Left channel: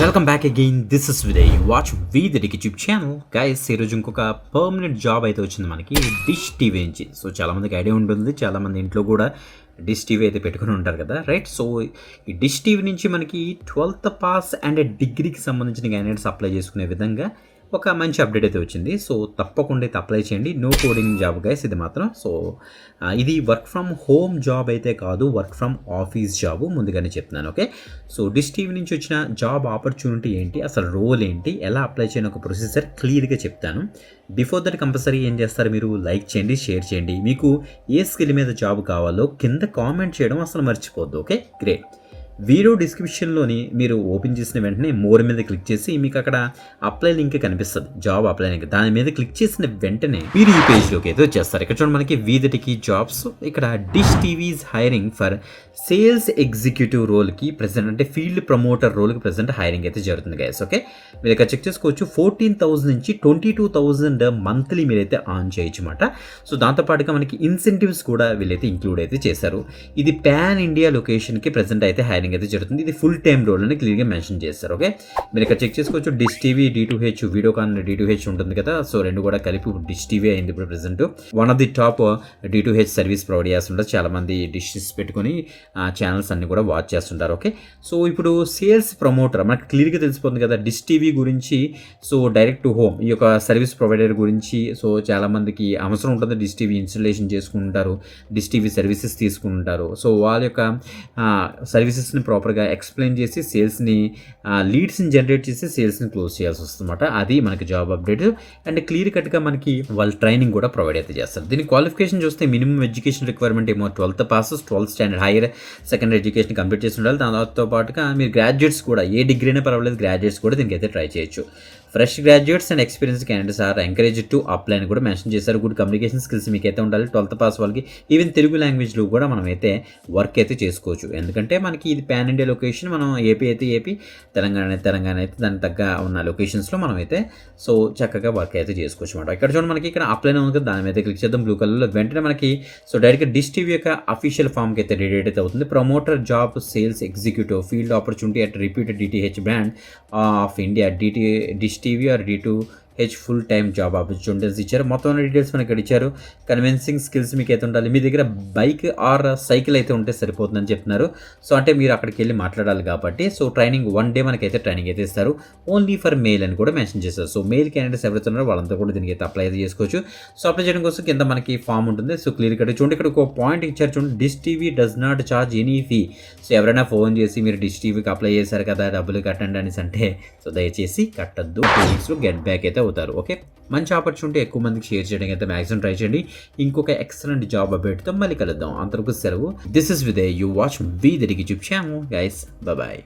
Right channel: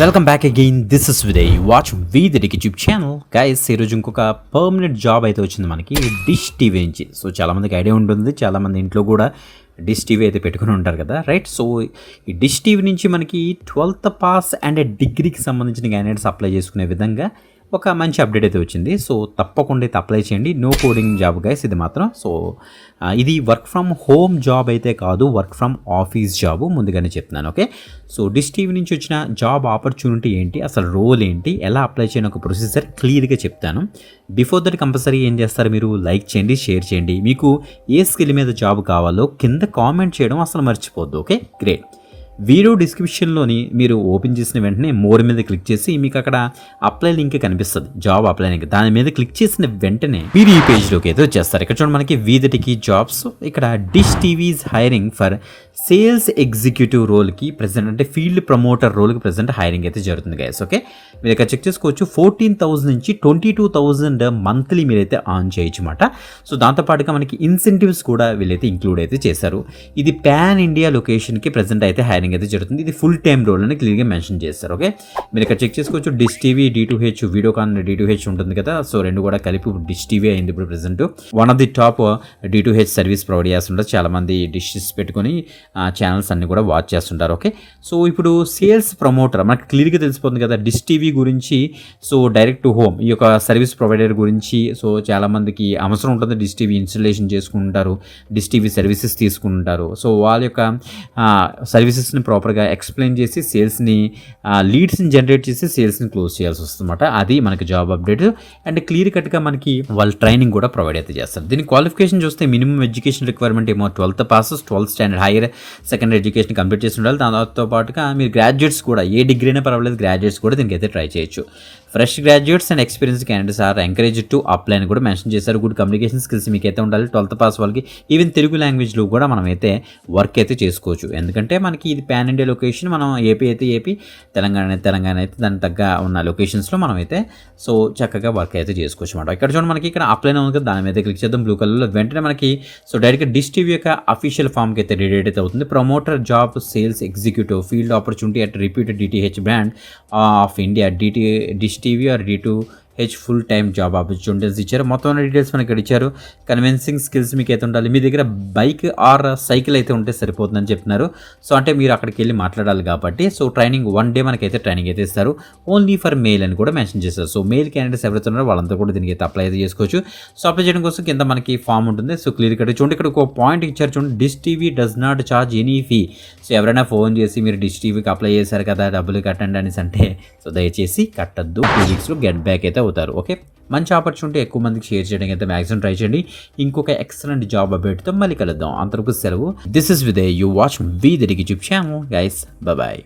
Welcome back again. This is Vidhay. Watch we the YouTube channel. Guys, ఈరోజు ఇంకొక permanent job అయితే వచ్చింది మనకి డిష్ టీవీ నుంచి. సో చాలామందికి ఐడియా ఉంటుంది, చాలామంది ఇంట్లో కూడా డిష్ టీవీ అయితే పెట్టుకుని ఉంటారు కదా, రైట్? సో ఈ డిష్ టీవీ నుంచి మనకి 12th పాస్ అండ్ డిగ్రీకి సంబంధించిన క్యాండిడేట్స్ అప్లై చేసుకునే విధంగా ఒక మంచి అప్డేట్ అయితే వచ్చింది. సో తప్పకుండా అయితే అప్లై చేయండి. నో కోడింగ్ జాబ్ గైస్ ఇది మాత్రం. సో ఇది వర్క్ ఫ్రమ్ హోమ్ జాబ్ అయితే కాదు, వర్క్ ఫ్రమ్ ఆఫీస్ జాబ్, ముందుగానే చెప్తున్నాను. ఓకే, సో డిష్ టీవీ నుంచి వచ్చిన జాబ్ ఆపర్చునిటీ ఏంటి, అసలు రోల్ ఏంటి, ఎలా అప్లై చేయని ఒక ప్రొసీజర్ క్లియర్గా చెప్తాను. బిఫోర్ దట్ కంపల్సరీ ఏం చేస్తారు, మీరు లైక్ చేయండి, షేర్ చేయండి. మీకు ఏ స్కిల్ మీద జాబ్ కావాలో కింద కామెంట్ చేయడం అసలు మర్చిపోద్దు. Okay, great. వీడియో డిస్క్రిప్షన్లోని మీరు ఓపెన్ చేసిన వెంటనే మోర్ మీద క్లిక్ చేసి మీకు అక్కడ అప్లై లింక్ కనిపిస్తుంది, జాబ్ అప్లై లింక్. దాని మీద క్లిక్ చేసిన వెంటనే మీరు ఈ పేజ్లోకి అయితే వచ్చేస్తారు. ఇక్కడ చూడండి, మనకి వీదిటికి జాబ్స్. ఇక్కడ Dish TV's hiring for sales executive రోల్కి ప్రెసెంట్, అంటే ఫీల్డ్ ప్రమోటర్ రోల్కి ప్రెసెంట్ హైరింగ్ అయితే జరుగుతుంది గైస్. ఓకే, మీరు ఇక్కడ చెక్ చేసుకోవచ్చు. 14,000 నుంచి 22,000 మంత్లీ మీరైతే ఆన్ చేయొచ్చు అన్నమాట. సో దాంతోపాటుగా మనకి ఇన్సెంటివ్స్ కూడా వీళ్ళైతే ఇంక్లూడ్ అయితే చేశారు. ఇది పాన్ ఇండియా లొకేషన్కి ప్రెసెంట్ అయితే హైరింగ్ అయితే జరుగుతుంది. ఇది ఫుల్ టైమ్ రోల్ అని క్లియర్గా మెన్షన్ చేస్తారు. ఓకే, మీరు ఇక్కడ చెక్ చేసుకోవచ్చు. Dish TV D2H, Videocon D2H ఉంటుంది కదా, సో రెండు కూడా కలిపి డిష్ టీవీ అయింది ఇప్పుడు present. One of the top D2H service provide చేస్తుంటారు. చాలామంది డిషెస్ పెట్టుకొని ఛానల్స్ అన్ని కూడా వాచ్ చేస్తుంటారు. ఓకే, సో ఇప్పుడు సేల్స్ ప్రమోటర్ మనకు క్లియర్గా తెలిసిపోతుంది కదా డిష్ టీవీ గురించి. సో డైరెక్ట్ టు హోమ్ ఈ యొక్క సర్వీస్ ప్రొవైడర్ గురించి సో చాలామందికి అవసరం ఉంటుంది. డిష్ టీవీ ఇన్స్టలేషన్ చేసుకుంటారు, డిష్ టీవీ సర్వీసెస్ తీసుకుంటారు. సో వాళ్ళ యొక్క సర్వీసెస్ని ప్రాపర్గా ఎక్స్ప్లెయిన్ చేసి సేల్స్ని లీడ్స్ని జనరేట్ చేసి సేల్స్ని క్లోజ్ చేయాల్సి వస్తుంది అన్నమాట. అది మనకి జాబ్ అప్డేట్. అండ్ క్లియర్ కట్గా మనకి వాళ్ళు ట్రైనింగ్ కూడా ప్రొవైడ్ అయితే చేస్తారు. దీని క్వాలిఫికేషన్ చూస్తే మినిమం ఎడ్యుకేషన్ రిక్వైర్మెంట్ ఏమో 12th pass, 12th standard, higher secondary education complete చేసి ఉండాలి. దాంతో పాటుగా మీరు గ్రాడ్యుయేట్స్ కూడా, ఏ డిగ్రీ అయినా పర్వాలేదు, గ్రాడ్యుయేట్స్ కూడా దీనికి అయితే ట్రై చేయొచ్చు. Fresh graduates and experience candidates are encourage to apply అని కూడా మెన్షన్ చేశారు. గుడ్ కమ్యూనికేషన్ స్కిల్స్ మీకు అయితే ఉండాలి 12th పాస్ వాళ్ళకి. ఈవెన్ తెలుగు లాంగ్వేజ్లో కూడా మనం అయితే వర్క్ అయితే చేసుకోవచ్చు. ఎందుకంటే మనకి ఇది పాన్ ఇండియా లొకేషన్. మనం ఏపీ అయితే ఏపీ, తెలంగాణ అయితే దానికి తగ్గ ఉన్న లొకేషన్స్లో మనం అయితే సో చక్కగా వర్క్ అయితే చేసుకోవచ్చు అనమాట. ఇక్కడ చూడండి, మనకి ఇక్కడ అప్లై ఉంది కదా, దాని మీద క్లిక్ చేద్దాం బ్లూ కలర్లో. వెంటనే మనకి సో డైరెక్ట్గా డిష్ టీవీ యొక్క అఫీషియల్ ఫామ్కి అయితే రిలేట్ అయితే అవుతుంది. Promoter job sales executive field opportunity at repeated DTH brand of India, dish TV or D2H full time job opportunities ఇచ్చారు. మొత్తం డీటెయిల్స్ మనకి ఇక్కడ ఇచ్చారు. కన్విన్సింగ్ స్కిల్స్ మీకు అయితే ఉండాలి. మీ దగ్గర బైక్ ఆర్ సైకిల్ అయితే ఉంటే సరిపోతుందని చెప్తున్నారు. సో అంటే మీరు అక్కడికి వెళ్ళి మాట్లాడాలి కాబట్టి. సో ట్రైనింగ్ 1 డే మనకైతే ట్రైనింగ్ అయితే ఇస్తారు. ఓన్లీ ఫర్ మెయిల్ అని కూడా మెన్షన్ చేస్తారు. సో మెయిల్ క్యాండిడేట్స్ ఎవరైతే ఉన్నారో వాళ్ళంతా కూడా దీనికి అయితే అప్లై అయితే చేసుకోవచ్చు. సో అప్లై చేయడం కోసం కింద మనకి ఫామ్ ఉంటుంది. సో క్లియర్ కట్ చూడండి, ఇక్కడ ఒక పాయింట్ ఇచ్చారు చూడండి, dish TV does not charge any fee. So ఎవరైనా ఫోన్ చేసి మీరు డిష్ టీవీకి అప్లై చేశారు కదా, డబ్బులు కట్టండి అనేసి అంటే సో దయచేసి కట్టద్దు. 2 వీక్స్లో గెట్ బ్యాక్ అయితే అవుతారు. ఓకే, మంచి ఆపర్చునిటీ, ఎక్కువ మందికి షేర్ చేయడానికి అయితే మ్యాక్సిమం ట్రై చేయండి. ఇంకొక ఎక్సలెంట్ జాబ్ అప్డేట్తో మళ్ళీ కలుద్దాం. అంతవరకు సెలవు. This is Vidhay. You watch we the YouTube channel guys. Bye.